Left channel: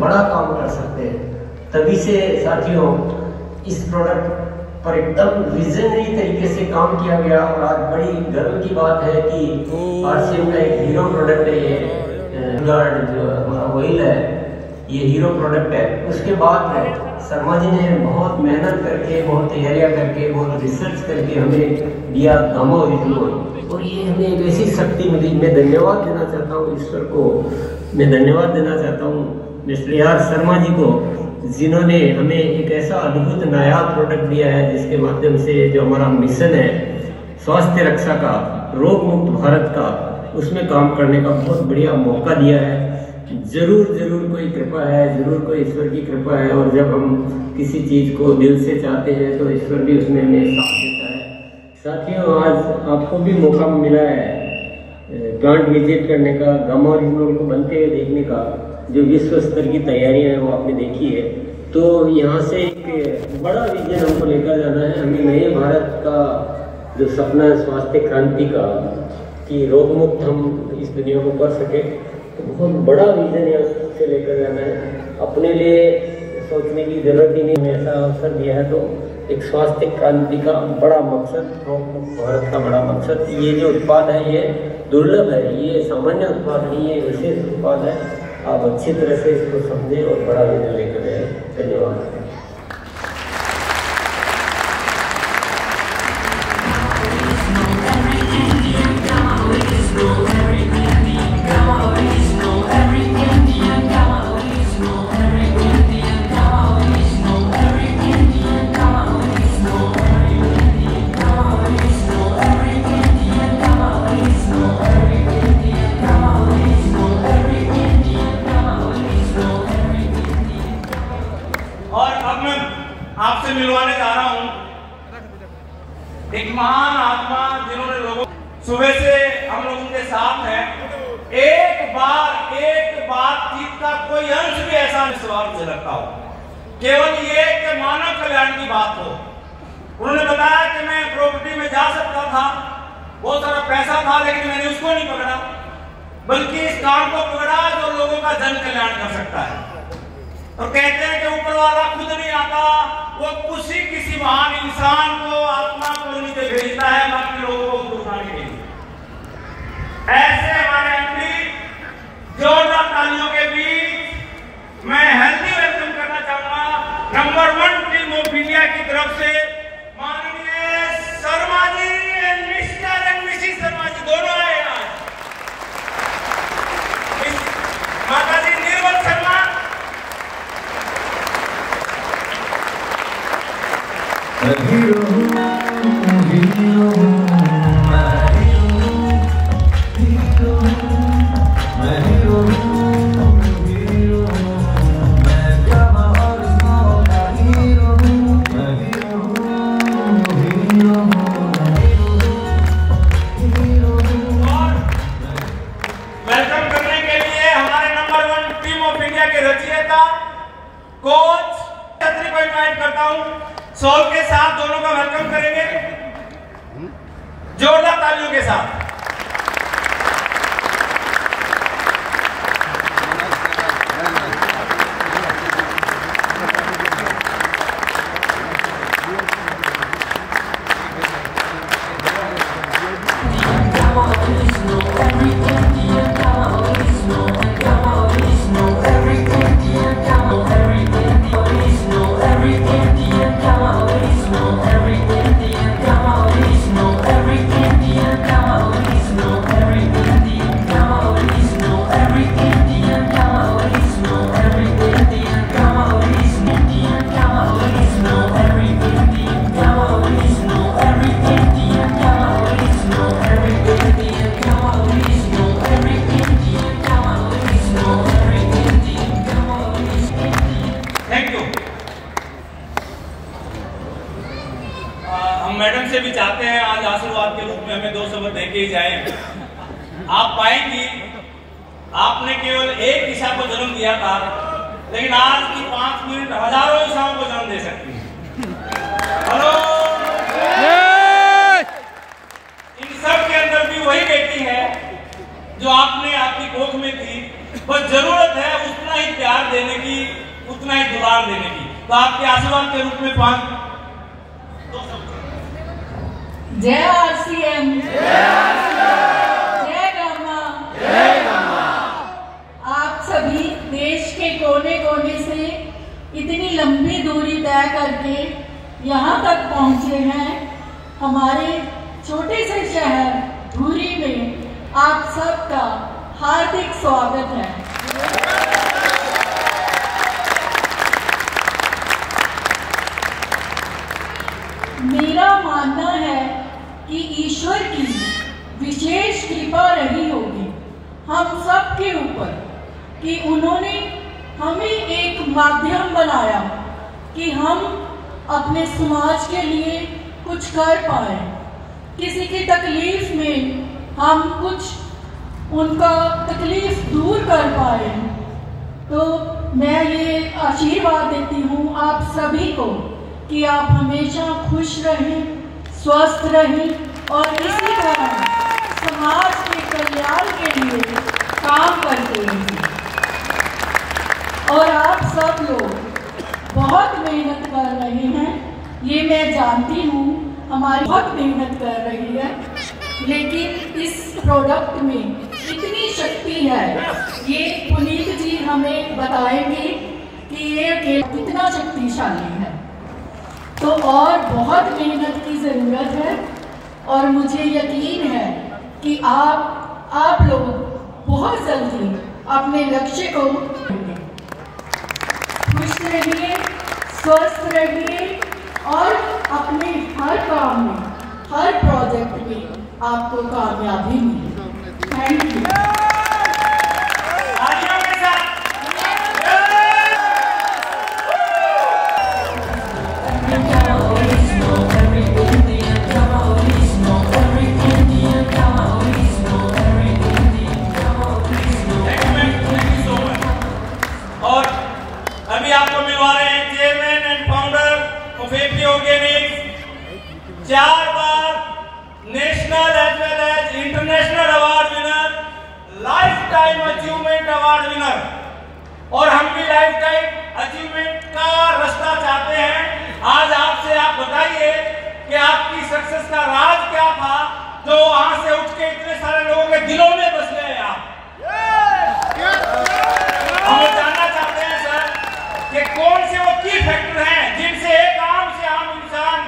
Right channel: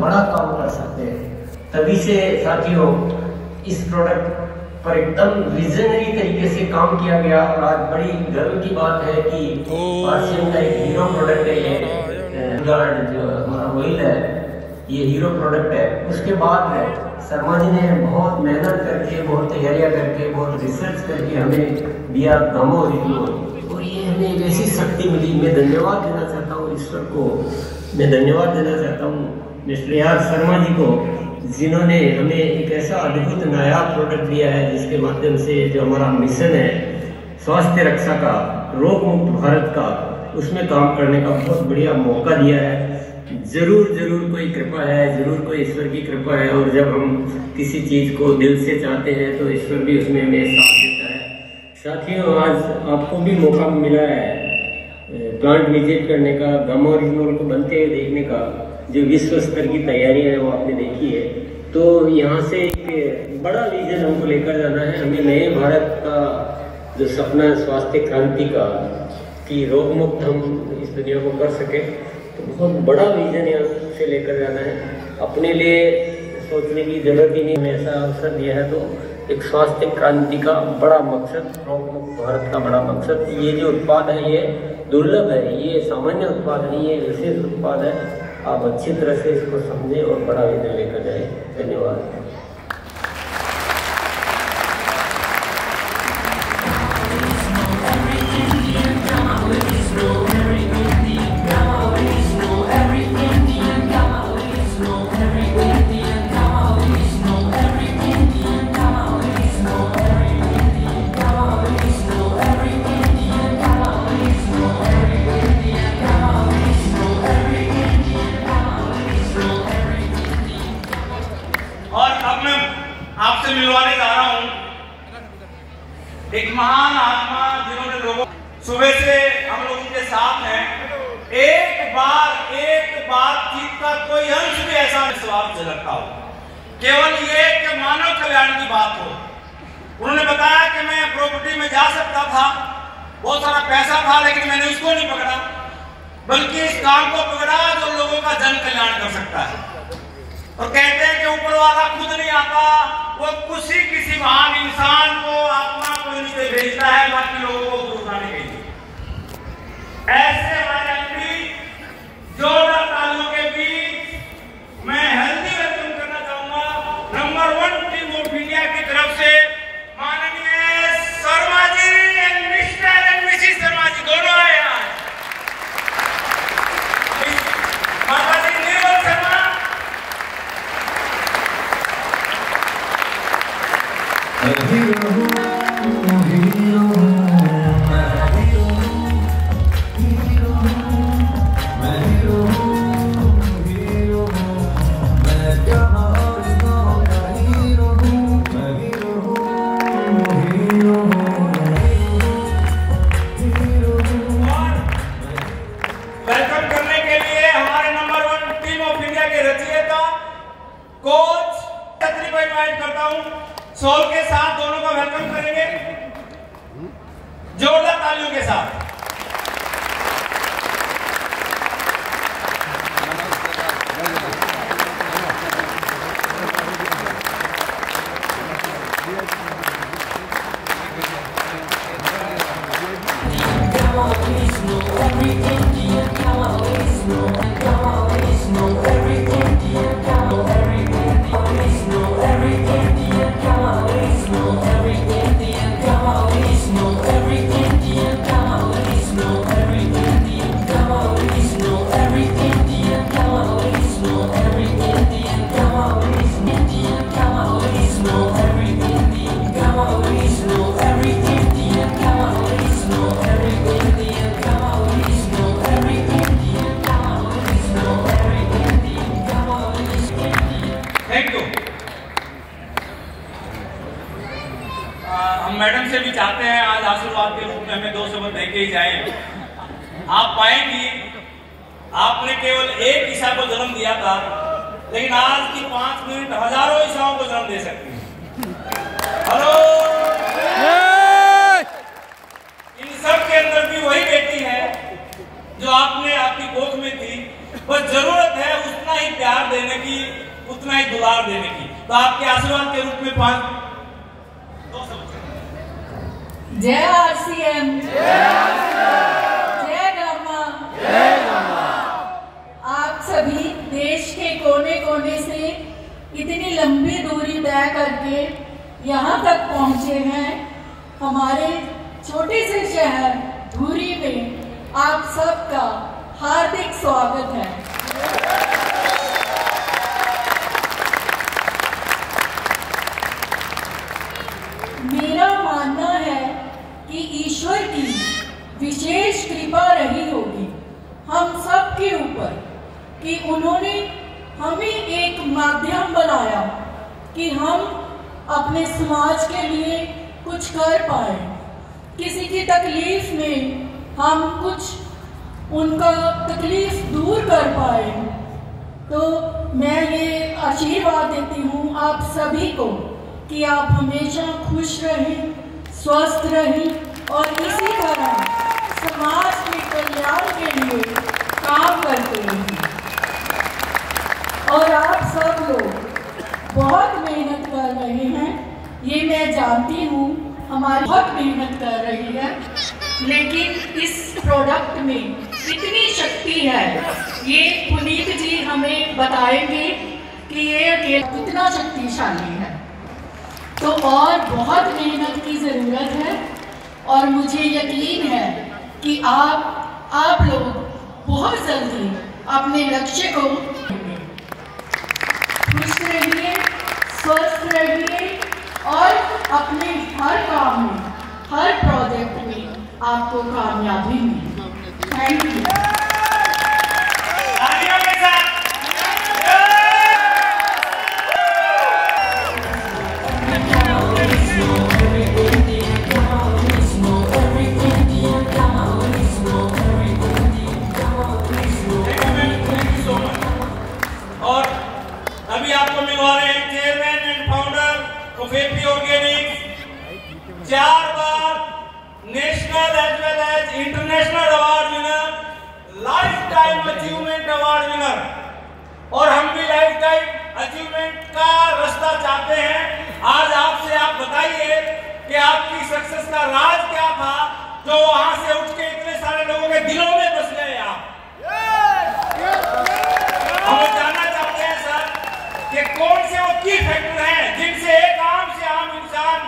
बड़ा काम कर सकते हैं। तभी से साथियों इस प्रोडक्ट पर एकदम विजनरी तरीके से काम किया गया और आज बड़ी गर्व की बात है कि आरसीएम का एक हीरो प्रोडक्ट है ये गार्ड जो हमारा ऑयल है, ये हीरो प्रोडक्ट है। उसके बाद में शर्मा जी ने बहुत मेहनत करके, बहुत तैयारियां करके, बहुत रिसर्च करके हमें दिया गामा ओरिजिनल, और ये हमें एक ऐसी शक्ति मिली। मैं धन्यवाद देना चाहता हूँ ईश्वर को, मैं धन्यवाद देना चाहता हूँ मिस्टर आर शर्मा जी को, जिन्होंने हमें एक ऐसा अद्भुत नया प्रोडक्ट दिया है जिसके माध्यम से जो हमारा मिशन है स्वास्थ्य रक्षा का, रोग मुक्त भारत का, उसमें काम करने का बहुत बढ़िया मौका दिया है। जरूर जरूर कोई कृपा है, जरूर कोई ईश्वर की कृपा है, और जब हम किसी चीज को दिल से चाहते हैं तो ईश्वर भी उसमें हमें साथ देता है। साथियों आज आपको भी मौका मिला है प्लांट विजिट करने का, गामा ओरिजिनल को बनते हुए देखने का। जो विश्व स्तर की तैयारी है वो आपने देखी है। तो यहाँ से एक बड़ा विजन हमको लेकर जाना है। हमें नए भारत का जो सपना है स्वास्थ्य क्रांति का, कि रोग मुक्त हम इस दुनिया को कर सके, तो बहुत बड़ा विजन यहाँ से लेकर जाना है। अपने लिए सोचने की जरूरत ही नहीं, हमें ऐसा अवसर दिया है तो एक स्वास्थ्य क्रांति का बड़ा मकसद, रोग मुक्त भारत का बड़ा मकसद। ये जो उत्पाद है ये दुर्लभ है, ये सामान्य उत्पाद नहीं है, विशेष उत्पाद है। आप अच्छी तरह से इसको समझें और बड़ा विजन लेकर जाए। धन्यवाद। आपसे मिलवाने जा रहा हूं एक महान आत्मा, जिन्होंने लोगों सुबह से हम लोगों के साथ हैं। एक बातचीत का कोई अंश भी ऐसा विश्वास झलकता हो, केवल ये कि मानव कल्याण की बात हो। उन्होंने बताया कि मैं प्रॉपर्टी में जा सकता था, बहुत सारा पैसा था, लेकिन मैंने उसको नहीं पकड़ा, बल्कि इस काम को पकड़ा जो लोगों का जन कल्याण कर सकता है। और कहते हैं कि ऊपर वाला खुद नहीं आता, वो किसी महान इंसान को, आत्मा को नीचे भेजता है बाकी लोगों को उठाने के लिए। ऐसे हमारे एमपी जोरदार तालियों के बीच मैं हेल्दी वेलकम करना चाहूंगा नंबर 1 टीम ऑफ इंडिया की तरफ से माननीय Sharma ji and mister and missus Sharma ji दोनों आए हैं। माता जी निर्मल शर्मा, वेलकम करने के लिए हमारे नंबर 1 टीम ऑफ इंडिया के रचयिता कोच छत्री को इनवाइट करता हूं। सोल के साथ दोनों का वेलकम करेंगे जोरदार तालियों के साथ। मैडम से भी चाहते हैं आज आशीर्वाद के रूप में हमें 2 शब्द देके ही जाए। आप पाएंगी आपने केवल एक ईसा को जन्म दिया था, लेकिन आज की 5 मिनट हजारों ईसाओं को जन्म दे सकती है। हेलो, इन सब के अंदर भी वही बेटी है जो आपने आपकी गोद में थी, बस जरूरत है उतना ही प्यार देने की, उतना ही दुलार देने की। तो आपके आशीर्वाद के रूप में 2 शब्द। जय आरसीएम, जय गामा, जय गामा। आप सभी देश के कोने कोने से इतनी लंबी दूरी तय करके यहाँ तक पहुँचे हैं। हमारे छोटे से शहर धुरी में आप सबका हार्दिक स्वागत है। मेरा मानना है कि ईश्वर की विशेष कृपा रही होगी हम सब के ऊपर कि उन्होंने हमें एक माध्यम बनाया कि हम अपने समाज के लिए कुछ कर पाए। किसी की तकलीफ में हम कुछ उनका तकलीफ दूर कर पाए। तो मैं ये आशीर्वाद देती हूँ आप सभी को कि आप हमेशा खुश रहें, स्वस्थ रहें और इसी तरह समाज के कल्याण के लिए काम करते रहें। और आप सब लोग बहुत मेहनत कर रहे हैं, ये मैं जानती हूँ, हमारी बहुत मेहनत कर रही है, लेकिन इस प्रोडक्ट में इतनी शक्ति है, ये पुनीत जी हमें बताएंगे कि ये कितना शक्तिशाली है। तो और बहुत मेहनत की जरूरत है और मुझे यकीन है कि आप लोग बहुत जल्दी अपने लक्ष्य को खुश रहिए, स्वस्थ रहिए और अपने हर काम में, हर प्रोजेक्ट में आपको कामयाबी मिले। Thank you. और अभी आपको मिलवा रहे हैं chairman and founder of AP organics, 4 बार national as well as international award winner, life time achievement award winner. और हम भी लाइफ टाइम अचीवमेंट का रास्ता चाहते हैं। आज आपसे आप बताइए कि आपकी सक्सेस का राज क्या था जो वहां से उठ के इतने सारे लोगों के दिलों में बस गए। आप हम जानना चाहते हैं सर कि कौन से वो की फैक्टर हैं जिनसे एक आम से आम इंसान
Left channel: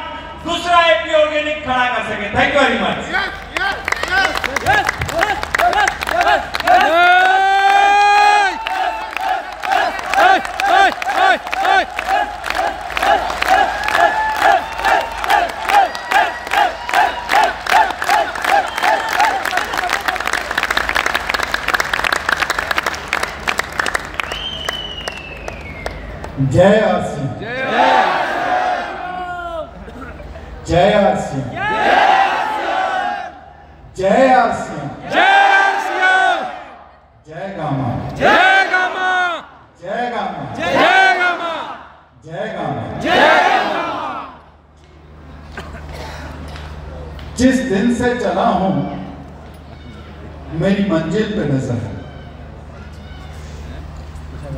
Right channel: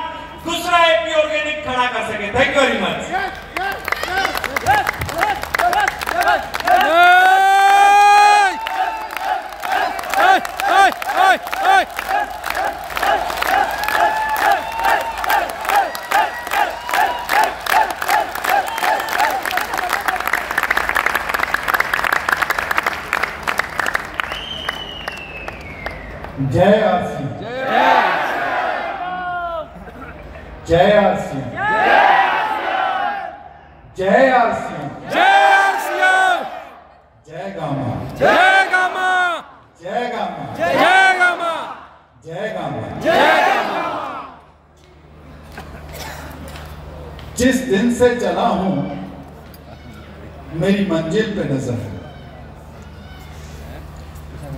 दूसरा एपी ऑर्गेनिक खड़ा कर सके। Thank you very much. जय आरसी, जय आरसी, जय आरसी, जय आरसीएम, जय गामा, जय गामा, जय गामा, जय गामा, जय गामा, जय गामा। जिस दिन से चला हूं मेरी मंजिल पे नजर है।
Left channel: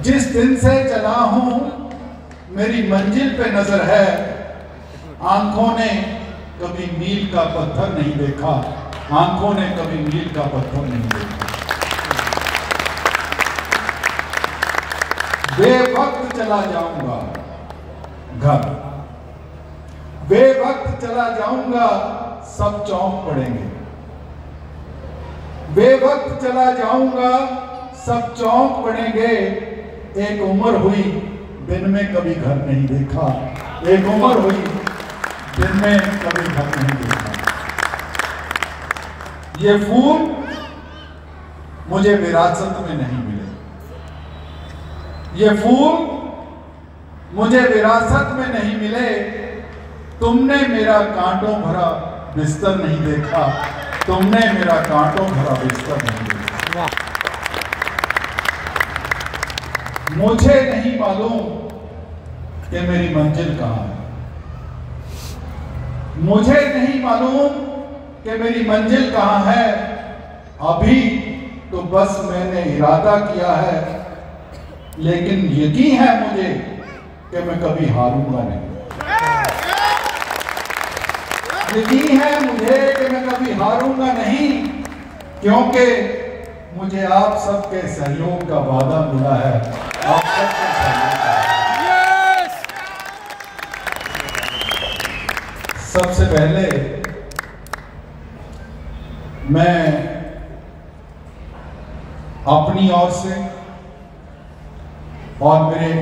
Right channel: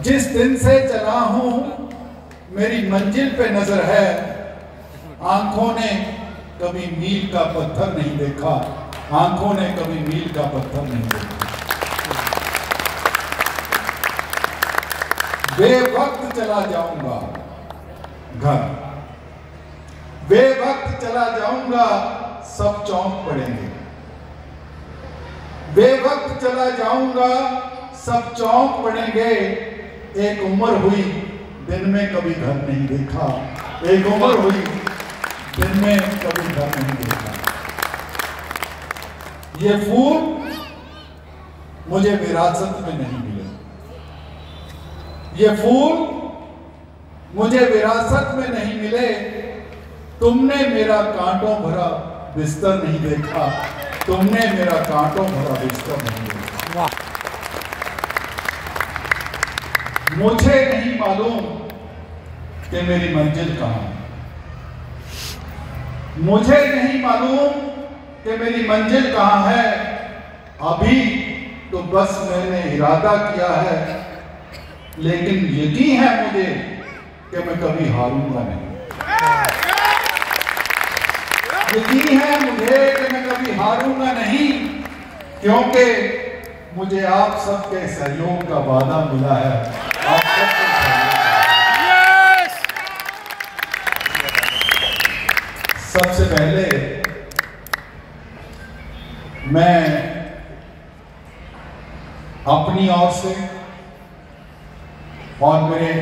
जिस दिन से चला हूं मेरी मंजिल पे नजर है। आंखों ने कभी मील का पत्थर नहीं देखा, आंखों ने कभी मील का पत्थर नहीं देखा। बेवक्त चला जाऊंगा घर, बेवक्त चला जाऊंगा, सब चौंक पड़ेंगे। बेवक्त चला जाऊंगा, सब चौंक पड़ेंगे। एक उम्र हुई दिन में कभी घर नहीं देखा, एक उम्र हुई दिन में कभी घर नहीं देखा। ये फूल मुझे विरासत में नहीं मिले, ये फूल मुझे विरासत में नहीं मिले। तुमने मेरा कांटों भरा बिस्तर नहीं देखा, तुमने मेरा कांटों भरा बिस्तर नहीं देखा। वाह। मुझे नहीं मालूम कि मेरी मंजिल कहां है, मुझे नहीं मालूम कि मेरी मंजिल कहां है। अभी तो बस मैंने इरादा किया है, लेकिन यकीन है मुझे कि मैं कभी हारूंगा नहीं। यकीन है मुझे कि मैं कभी हारूंगा नहीं, क्योंकि मुझे आप सबके सहयोग का वादा मिला है। आप सबके सहयोग सबसे पहले मैं अपनी ओर से और मेरे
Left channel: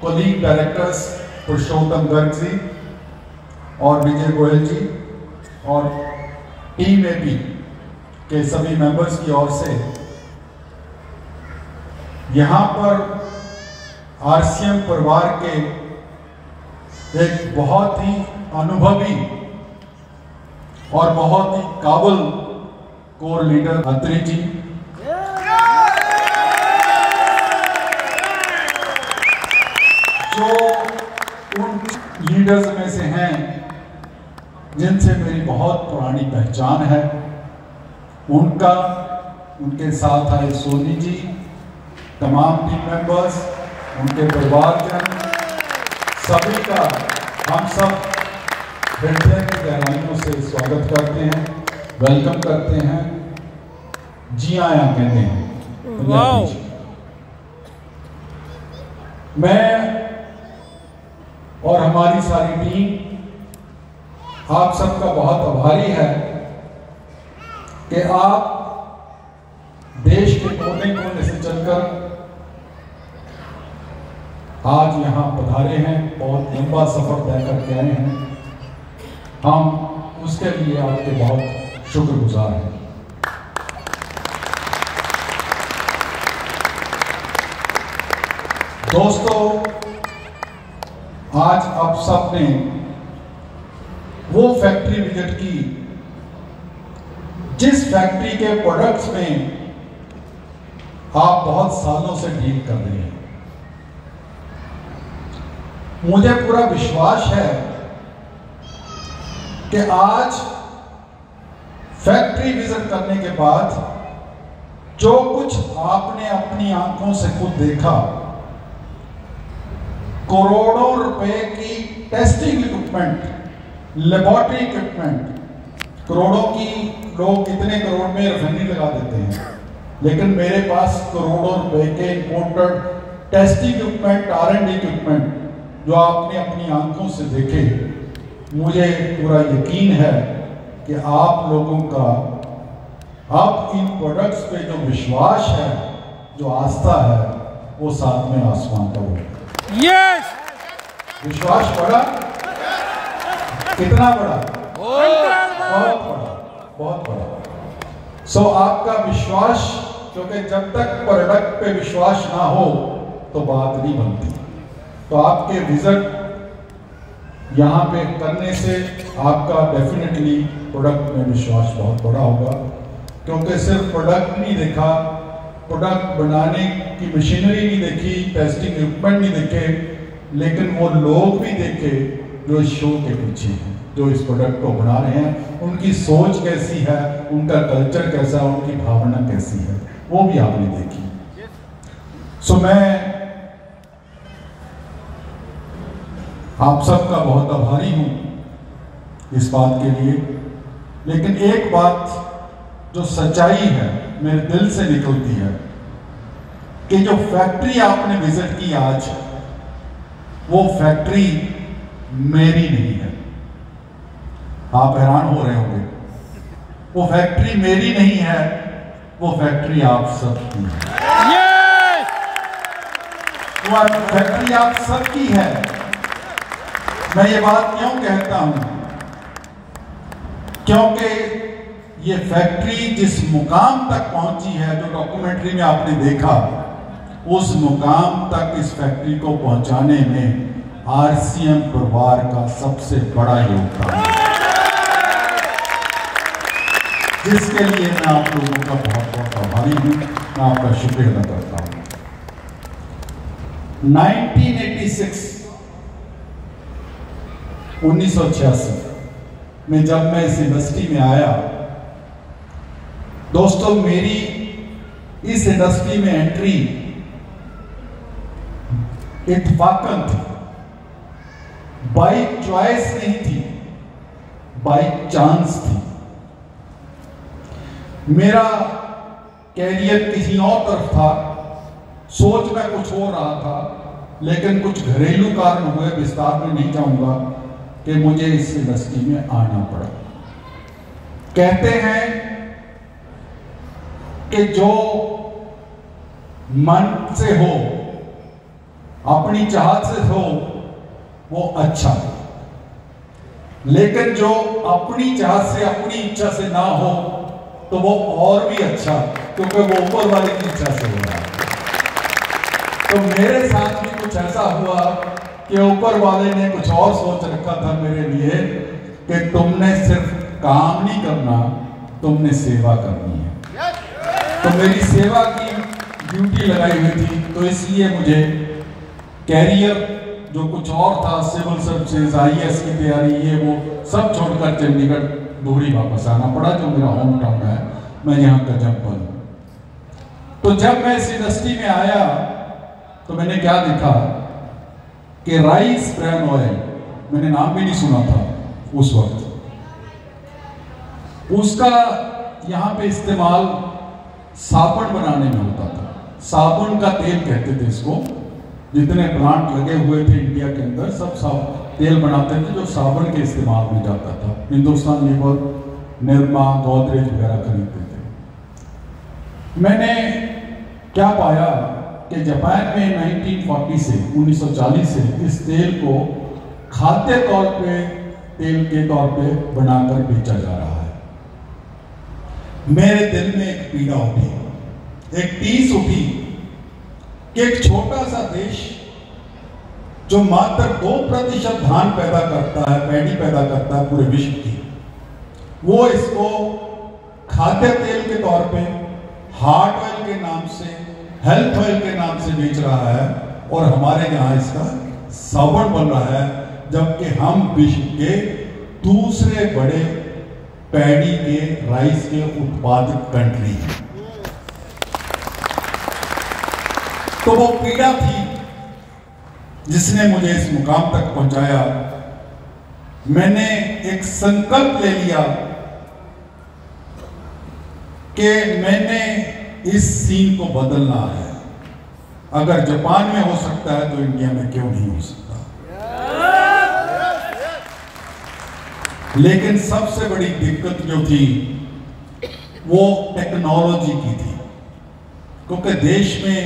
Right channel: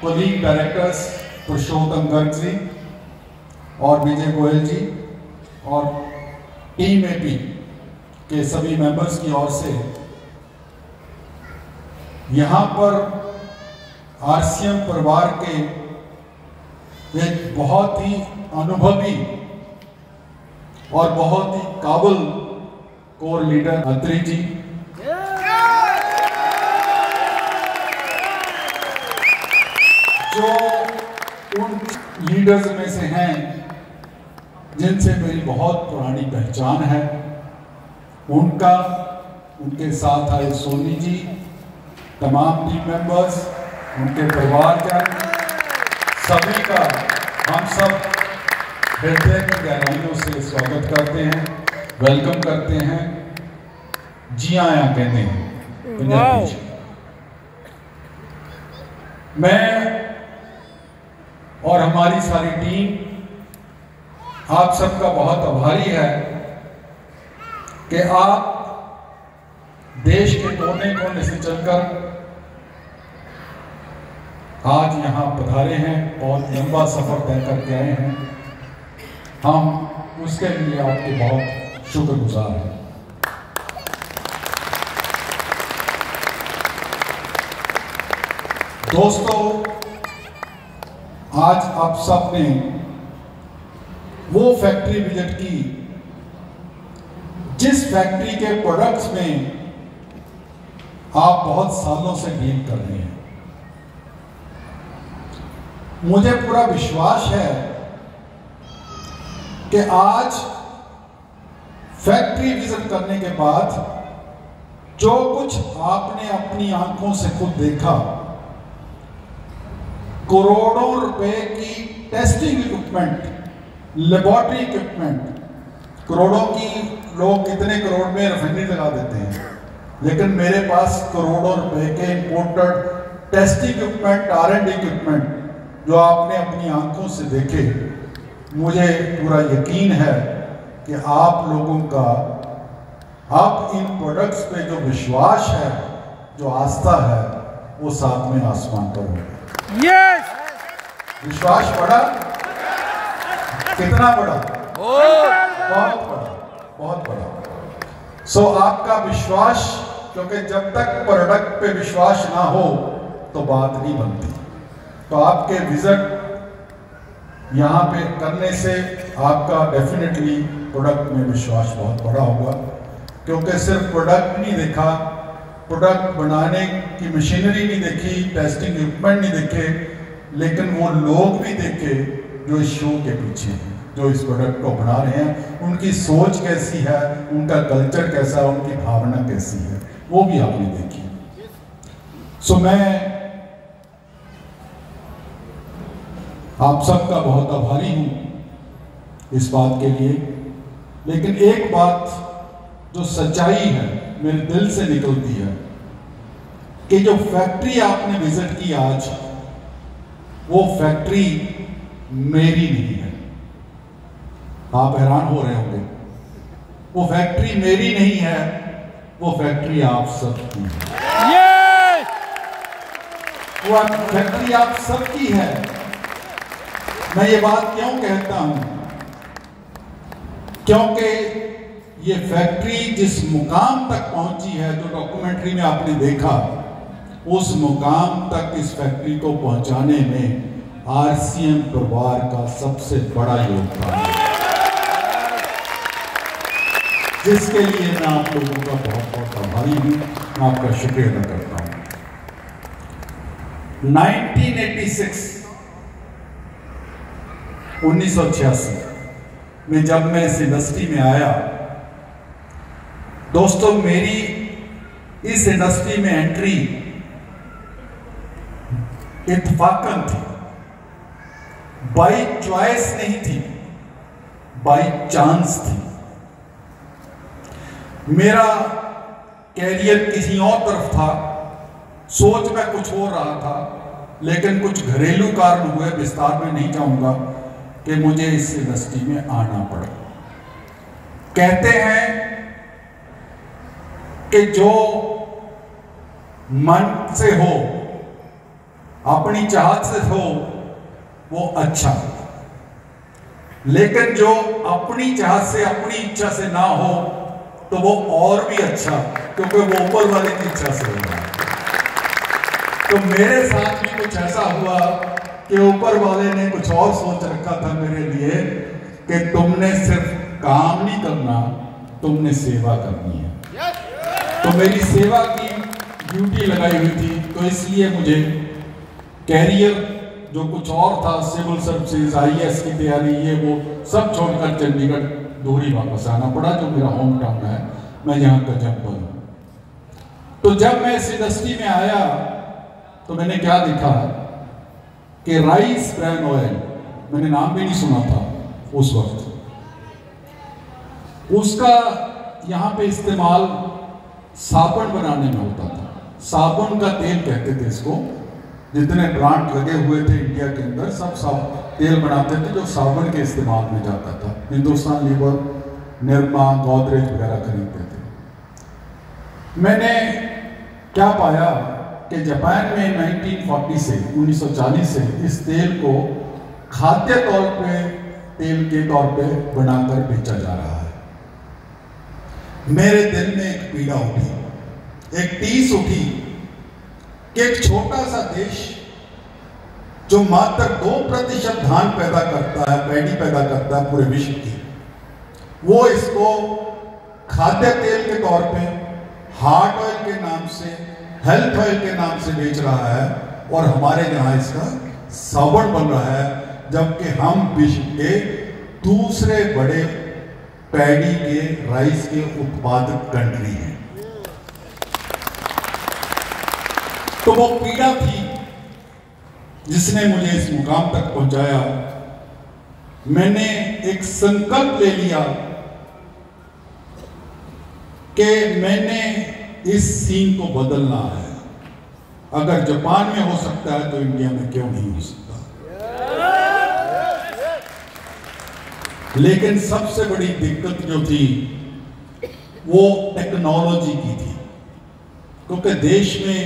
कोलीग डायरेक्टर्स पुरुषोत्तम गर्ग जी और विजय गोयल जी और टीम एपी के सभी मेंबर्स की ओर से यहां पर आरसीएम परिवार के एक बहुत ही अनुभवी और बहुत ही काबिल कोर लीडर अत्री जी, जो उन लीडर्स में से हैं जिनसे मेरी बहुत पुरानी पहचान है, उनके साथ आए सोनी जी, तमाम टीम मेंबर्स, उनके परिवारजन, सभी का हम सब हृदय की गहराइयों से स्वागत करते हैं, वेलकम करते हैं, जी आया कहते हैं। मैं और हमारी सारी टीम आप सबका बहुत आभारी है कि आप देश के कोने कोने से चलकर आज यहां पधारे हैं, बहुत लंबा सफर तय करके आए हैं। हम उसके लिए आपके बहुत शुक्रगुजार हैं। दोस्तों, आज आप सब ने वो फैक्ट्री विजिट की जिस फैक्ट्री के प्रोडक्ट्स में आप बहुत सालों से डील कर रहे हैं। मुझे पूरा विश्वास है कि आज फैक्ट्री विजिट करने के बाद जो कुछ आपने अपनी आंखों से खुद देखा, करोड़ों रुपए की टेस्टिंग इक्विपमेंट, लेबोरेटरी इक्विपमेंट, करोड़ों की लोग कितने करोड़ में रिफाइनरी लगा देते हैं, लेकिन मेरे पास करोड़ों रुपए के imported testing equipment, R&D equipment जो आपने अपनी आंखों से देखे, मुझे पूरा यकीन है कि आप लोगों का अब इन प्रोडक्ट्स पे जो विश्वास है, जो आस्था है, वो सातवें आसमान पर है। यस, विश्वास बड़ा, कितना बड़ा? बहुत बड़ा, बहुत बड़ा। सो आपका विश्वास, क्योंकि जब तक प्रोडक्ट पे विश्वास ना हो तो बात नहीं बनती। तो आपके विजिट यहाँ पे करने से आपका डेफिनेटली प्रोडक्ट में विश्वास बहुत बड़ा होगा, क्योंकि सिर्फ प्रोडक्ट नहीं देखा, प्रोडक्ट बनाने की मशीनरी नहीं देखी, टेस्टिंग इक्विपमेंट नहीं देखे, लेकिन वो लोग भी देखे जो इस शो के पीछे हैं, जो इस प्रोडक्ट को बना रहे हैं, उनकी सोच कैसी है, उनका कल्चर कैसा है, उनकी भावना कैसी है, वो भी आपने देखी। सो मैं आप सबका बहुत आभारी हूं इस बात के लिए, लेकिन एक बात जो सच्चाई है मेरे दिल से निकलती है कि जो फैक्ट्री आपने विजिट की आज, वो फैक्ट्री मेरी नहीं है। आप हैरान हो रहे होंगे, वो फैक्ट्री मेरी नहीं है, वो फैक्ट्री आप सबकी है। वो फैक्ट्री आप सबकी है। मैं ये बात क्यों कहता हूं? क्योंकि ये फैक्ट्री जिस मुकाम तक पहुंची है, जो डॉक्यूमेंट्री में आपने देखा, उस मुकाम तक इस फैक्ट्री को पहुंचाने में आरसीएम परिवार का सबसे बड़ा योगदान है, जिसके लिए मैं आप लोगों का बहुत बहुत आभारी हूं, मैं आपका शुक्रिया अदा करता हूं। 1986 में जब मैं इस इंडस्ट्री में आया, दोस्तों मेरी इस इंडस्ट्री में एंट्री इत्तफाकन थी, बाई चॉइस नहीं थी, बाई चांस थी। मेरा कैरियर किसी और तरफ था, सोच में कुछ हो रहा था, लेकिन कुछ घरेलू कारण हुए, विस्तार में नहीं जाऊंगा, कि मुझे इस इंडस्ट्री में आना पड़ा। कहते हैं कि जो मन से हो, अपनी चाहत से हो, वो अच्छा, लेकिन जो अपनी चाहत से, अपनी इच्छा से ना हो, तो वो और भी अच्छा, क्योंकि वो ऊपर वाले की इच्छा से हो रहा है। तो मेरे साथ भी कुछ ऐसा हुआ कि ऊपर वाले ने कुछ और सोच रखा था मेरे लिए, कि तुमने सिर्फ काम नहीं करना, तुमने सेवा करनी है। तो मेरी सेवा की ड्यूटी लगाई हुई थी, तो इसलिए मुझे कैरियर जो कुछ और था, सिविल सर्विसेज, IAS की तैयारी, ये वो सब छोड़कर चंडीगढ़ दूरी वापस आना पड़ा, जो मेरा होम टाउन है। मैं यहाँ का जम्पल हूँ। तो जब मैं इस इंडस्ट्री में आया तो मैंने क्या देखा कि राइस ब्रान ऑयल, मैंने नाम भी नहीं सुना था उस वक्त, उसका यहाँ पे इस्तेमाल साबुन बनाने में होता था। साबुन का तेल कहते थे इसको। जितने प्लांट लगे हुए थे इंडिया के अंदर, सब तेल बनाते थे जो साबुन के इस्तेमाल में जाता था। हिंदुस्तान लीवर, निर्मा, गोदरेज वगैरह खरीदते थे। मैंने क्या पाया कि जापान में 1940 से इस तेल को खाद्य तौर पे, तेल के तौर पे बनाकर बेचा जा रहा है। मेरे दिल में एक पीड़ा उठी, एक टीस उठी कि एक छोटा सा देश जो मात्र 2% धान पैदा करता है, पैडी पैदा करता है पूरे विश्व की, वो इसको खाद्य तेल के तौर पे, हार्ट ऑयल के नाम से, हेल्थ ऑयल के नाम से बेच रहा है, और हमारे यहाँ इसका साबुन बन रहा है, जबकि हम विश्व के दूसरे बड़े पैडी के, राइस के उत्पादक कंट्री हैं। तो वो पीड़ा थी जिसने मुझे इस मुकाम तक पहुंचाया। मैंने एक संकल्प ले लिया कि मैंने इस सीन को बदलना है। अगर जापान में हो सकता है तो इंडिया में क्यों नहीं हो सकता। लेकिन सबसे बड़ी दिक्कत जो थी वो टेक्नोलॉजी की थी, क्योंकि देश में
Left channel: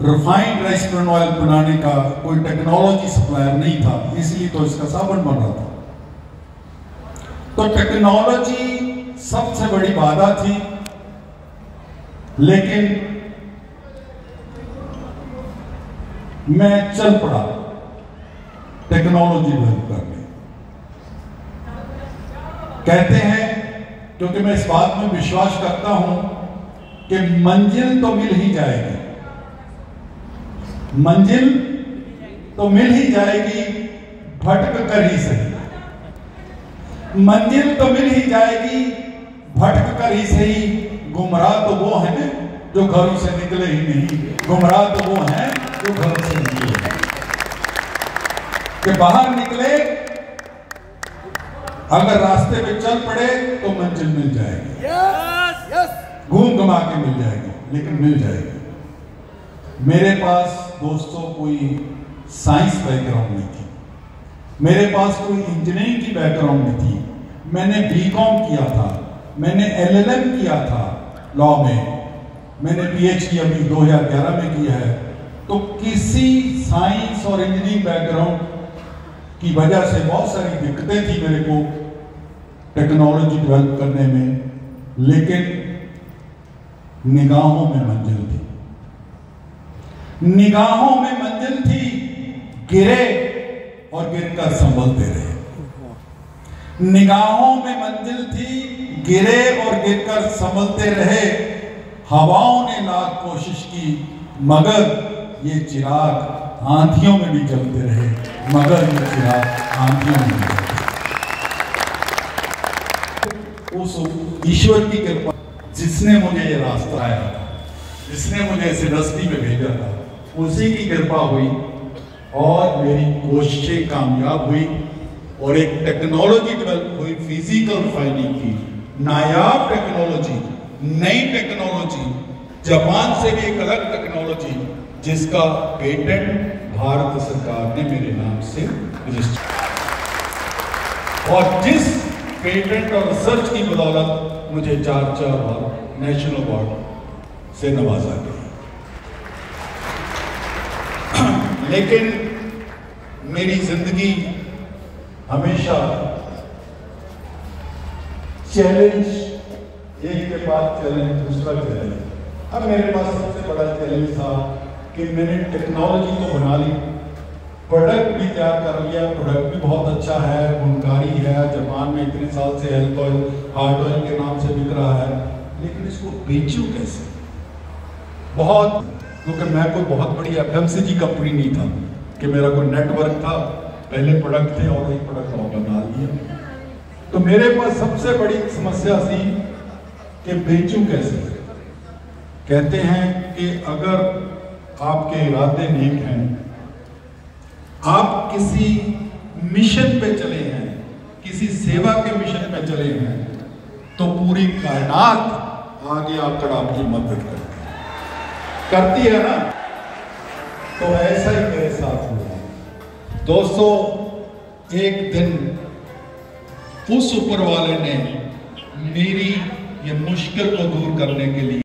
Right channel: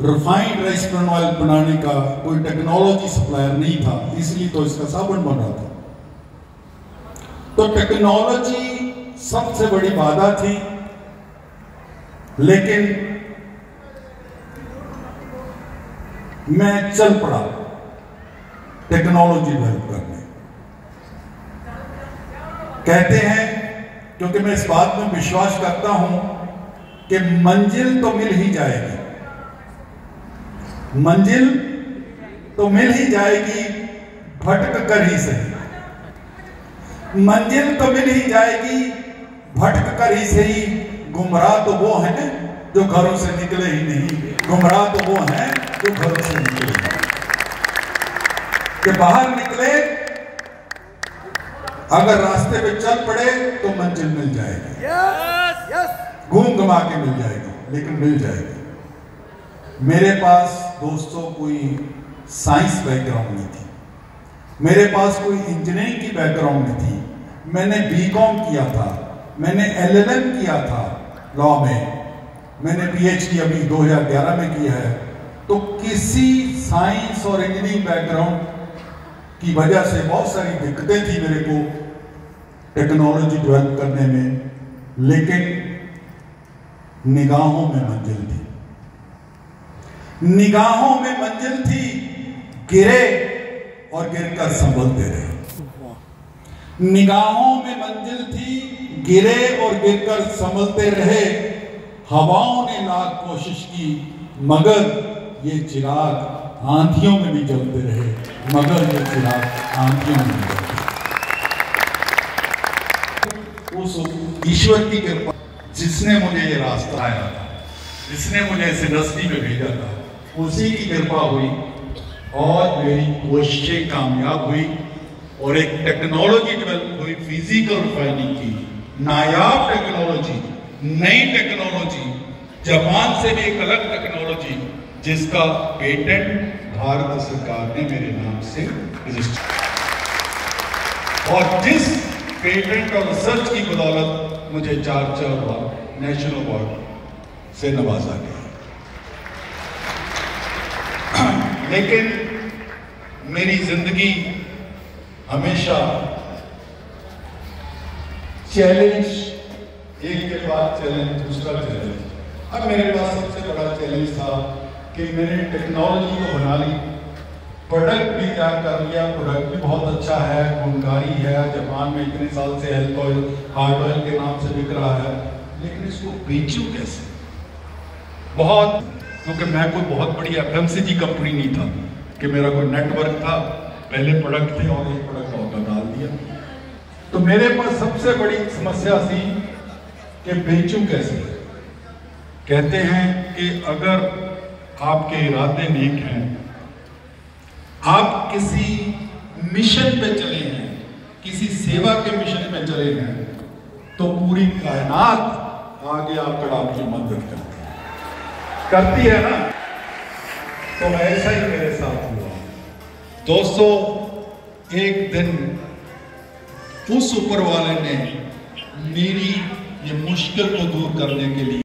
रिफाइंड राइस ब्रान ऑयल बनाने का कोई टेक्नोलॉजी सप्लायर नहीं था, इसलिए तो इसका साबुन बन रहा था। तो टेक्नोलॉजी सबसे बड़ी बाधा थी, लेकिन मैं चल पड़ा टेक्नोलॉजी डेवलप करने। कहते हैं, क्योंकि मैं इस बात में विश्वास करता हूं कि मंजिल तो मिल ही जाएगी, मंजिल तो मिल ही जाएगी, भटक कर ही सही। मंजिल तो मिल ही जाएगी, भटक कर ही सही। गुमराह तो वो है जो घरों से निकले ही नहीं, गुमराह तो वो है जो घरों से निकले। कि बाहर निकले, अगर रास्ते पे चल पड़े तो मंजिल मिल जाएगी, घूम घुमा के मिल जाएगी, लेकिन मिल जाएगी। मेरे पास दोस्तों कोई साइंस बैकग्राउंड नहीं थी, मेरे पास कोई इंजीनियरिंग की बैकग्राउंड नहीं थी। मैंने बीकॉम किया था, मैंने LLM किया था लॉ में, मैंने PhD अभी 2011 में किया है। तो किसी साइंस और इंजीनियरिंग बैकग्राउंड की वजह से बहुत सारी दिक्कतें थी मेरे को टेक्नोलॉजी डेवलप करने में, लेकिन निगाहों में मंजिल थी, निगाहों में मंजिल थी। गिरे और गिरकर संभलते रहे। निगाहों में मंजिल थी, गिरे और गिरकर संभलते रहे। हवाओं ने लाख कोशिश की, मगर ये चिराग आंधियों में भी जलते रहे, मगर ये चिराग आंधियों में भी जलते। उस ईश्वर की कृपा जिसने मुझे ये रास्ता आया था, जिसने मुझे इस इंडस्ट्री में भेजा था, उसी की कृपा हुई और मेरी कोशिशें कामयाब हुई और एक टेक्नोलॉजी डेवलप हुई, फिजिकल रिफाइनिंग की, नायाब टेक्नोलॉजी, नई टेक्नोलॉजी, जापान से भी एक अलग टेक्नोलॉजी, जिसका पेटेंट भारत सरकार ने मेरे नाम से रजिस्टर, और जिस पेटेंट और रिसर्च की बदौलत मुझे 4 बार नेशनल अवार्ड से नवाजा गया। लेकिन मेरी जिंदगी हमेशा चैलेंज, एक के बाद चैलेंज, दूसरा चैलेंज। अब मेरे पास सबसे बड़ा चैलेंज था कि मैंने टेक्नोलॉजी तो बना ली, प्रोडक्ट भी तैयार कर लिया, प्रोडक्ट भी बहुत अच्छा है, गुणकारी है, जापान में इतने साल से हेल्थ ऑयल, हार्ट ऑयल के नाम से बिक रहा है, लेकिन इसको बेचूं कैसे? बहुत, क्योंकि मैं कोई बहुत बड़ी एफएमसीजी कंपनी नहीं था कि मेरा कोई नेटवर्क था, पहले प्रोडक्ट थे और एक प्रोडक्ट ऑर्डर डाल दिया। तो मेरे पास सबसे बड़ी समस्या थी कि बेचूं कैसे। कहते हैं कि अगर आपके इरादे नेक हैं, आप किसी मिशन पे चले हैं, किसी सेवा के मिशन पे चले हैं, तो पूरी कायनात आगे आकर आपकी मदद करती है ना। तो ऐसा ही मेरे साथ हुआ। दोस्तों, एक दिन उस ऊपर वाले ने मेरी ये मुश्किल को दूर करने के लिए